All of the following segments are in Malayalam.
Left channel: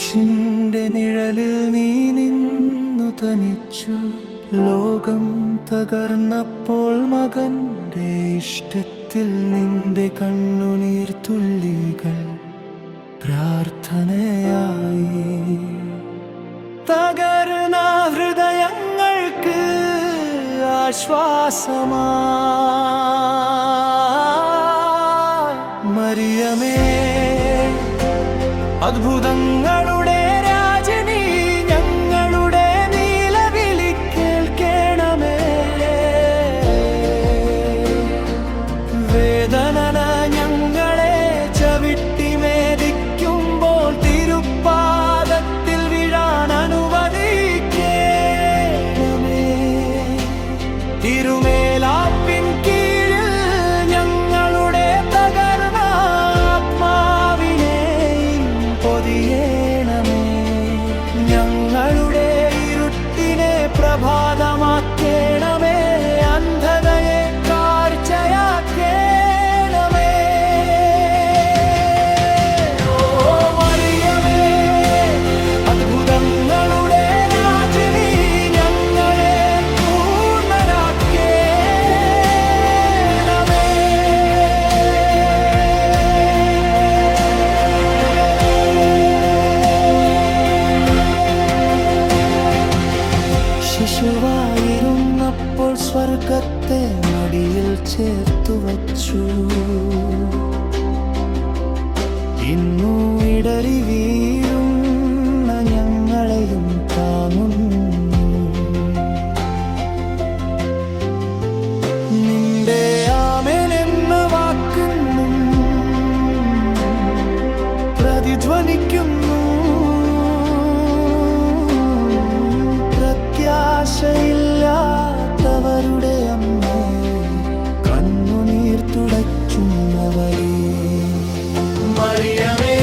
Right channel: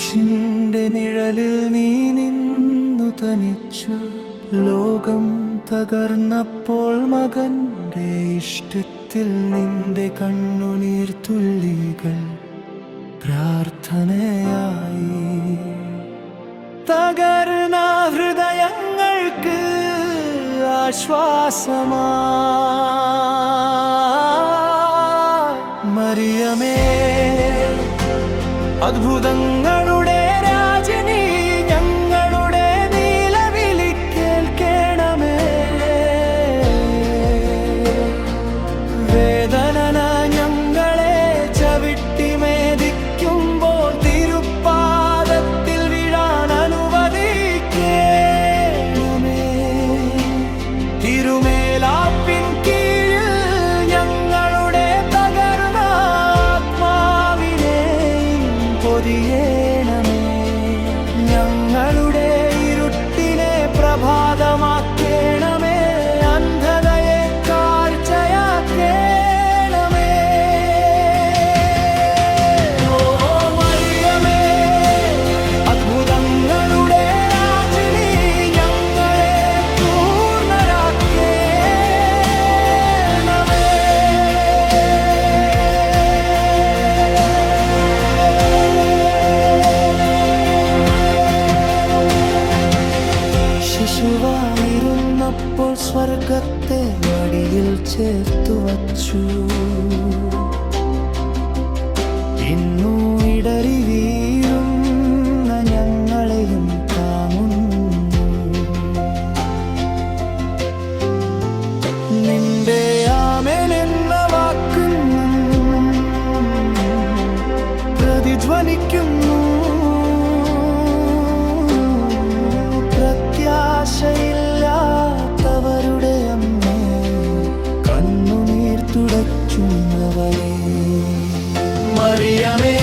ക്രൂശിന്റെ നിഴലിൽ നീ നിന്നു തനിച്ചു. ലോകം തകർന്നപ്പോൾ മകന്റെ ഇഷ്ടത്തിൽ നിന്റെ കണ്ണുനീർ തുള്ളികൾ പ്രാർത്ഥനയായി. തകർന്ന ഹൃദയങ്ങൾക്ക് ആശ്വാസമാ മറിയമേ, അത്ഭുതങ്ങളുടെ രാജനീ, ഞങ്ങളുടെ നിലവിളി കേൾക്കണമേ. വേദന ഞങ്ങളെ ചവിട്ടിമേദിക്കുമ്പോൾ തിരുപ്പാദത്തിൽ വീഴാൻ അനുവദിക്കണമേ. തിരുമേലാപ്പിൻ കീഴിൽ ഞങ്ങളുടെ തകർന്ന ആത്മാവിനെ പൊതിയണമേ. ഞങ്ങളുടെ ഇരുട്ടിനെ പ്രഭാതമാക്കണമേ, അന്ധതയെ കാഴ്ചയാക്കണമേ. ഓ മറിയമേ, അത്ഭുതങ്ങളുടെ രാജ്ഞി, ഞങ്ങളെ പൂർണ്ണരാക്കണമേ. ശിശുവായിരുന്നപ്പോൾ സ്വർഗത്തെ മടിയിൽ ചേർത്തു വച്ചു. ഇന്നു ഇടറി വീഴുന്ന ഞങ്ങളെയും താങ്ങുന്നു. നിന്റെ ആമേൻ എന്ന വാക്കിന്നും പ്രതിധ്വനിക്കുന്നു. പ്രത്യാശയില്ലാത്തവരുടെ അമ്മേ, കണ്ണുനീർ തുടയ്ക്കുന്നവളേ. മറിയമേ,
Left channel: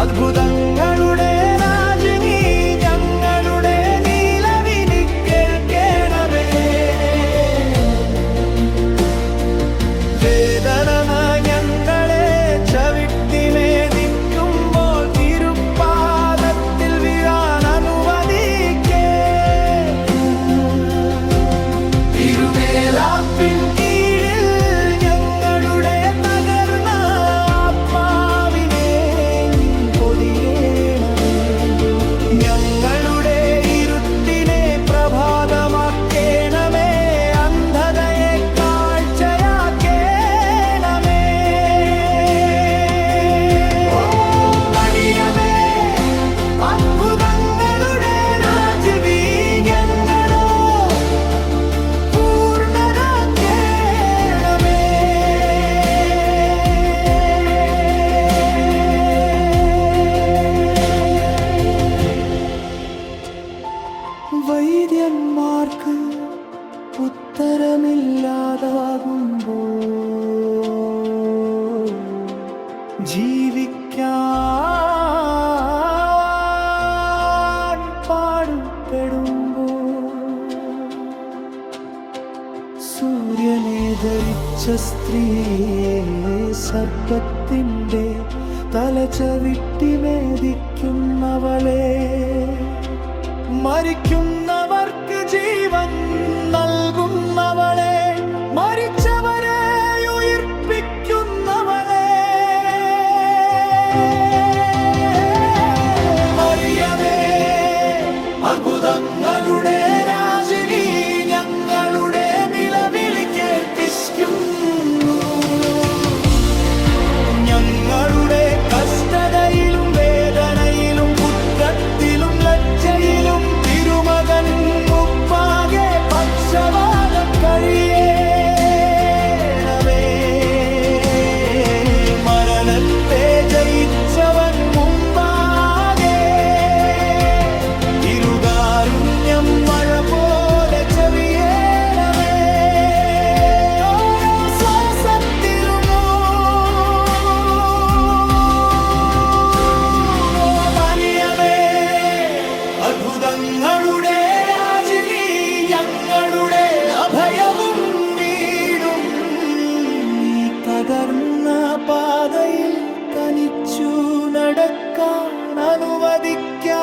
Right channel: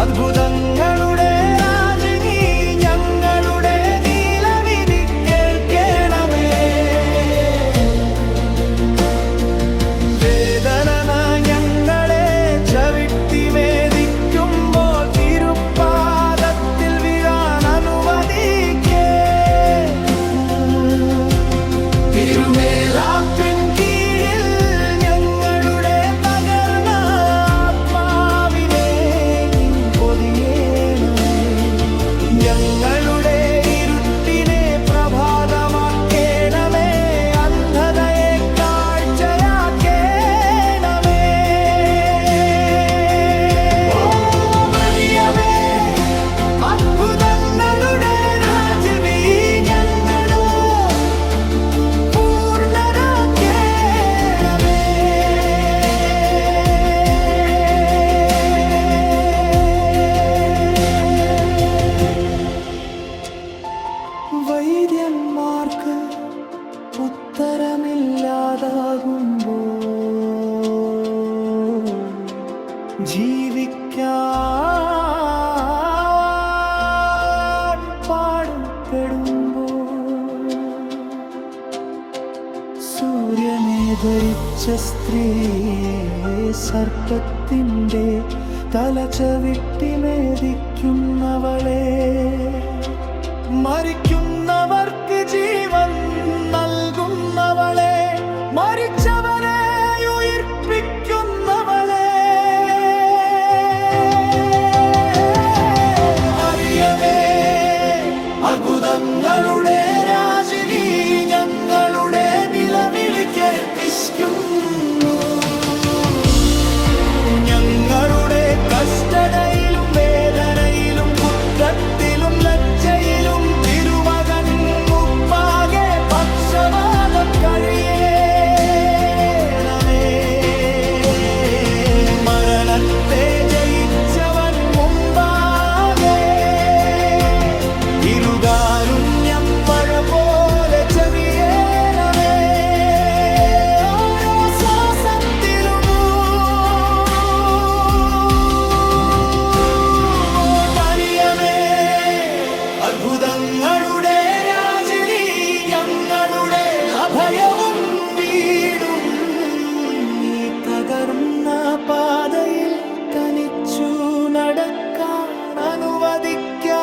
അത്ഭുതങ്ങളുടെ രാജനീ, ഞങ്ങളുടെ നിലവിളി കേൾക്കണമേ. വേദന ഞങ്ങളെ ചവിട്ടിമേദിക്കുമ്പോൾ തിരുപ്പാദത്തിൽ വീഴാൻ തിരുമേലാപ്പിൻ കീഴിൽ ഞങ്ങളുടെ തകർന്ന ആത്മാവിനെ നീ പൊതിയണമേ. ഞങ്ങളുടെ ഇരുട്ടിനെ പ്രഭാതമാക്കണമേ, അന്ധതയെ കാഴ്ചയാക്കണമേ. ഓ മറിയമേ, അത്ഭുതങ്ങളുടെ രാജ്ഞി, ഞങ്ങളോ പൂർണ്ണരാക്കണമേ. വൈദ്യന്മാർക്ക് ഉത്തരമില്ലാതാകുമ്പോൾ, ജീവിക്കാൻ പാടുപെടുമ്പോൾ, സൂര്യനെ ധരിച്ച സ്ത്രീയെ സർപ്പത്തിൻ്റെ തല ചവിട്ടിമേദിക്കുന്നവളെ, മരിക്കുന്നവർക്ക് ജീവൻ നൽകുന്നവളെ, മരിച്ചവരെ ഉയിർപ്പിക്കുന്നവളെ. മറിയമേ, അത്ഭുതങ്ങളുടെ രാജനീ, ഞങ്ങളുടെ നിലവിളി കേൾപ്പിക്കുന്നു. ഞങ്ങളുടെ കഷ്ടതയിലും വേദനയിലും കുറ്റത്തിലും ലജ്ജയിലും തിരുമകൻ മുപ്പാകെ പക്ഷവാദം കഴിയണമേ. മരണത്തെ ജയിച്ചവൻ മുമ്പാകെ ഇരുകാരുണ്യം മഴ പോലെ ചെവിയേണമേ. ഓരോ ശ്വാസത്തിലും മറിയമേ, അത്ഭുതങ്ങളുടെ രാജനീ, ഞങ്ങളുടെ അഭയവും വീടും നീ തകർന്ന പാതയിൽ തനിച്ചു നടക്കാൻ അനുവദിക്കാം.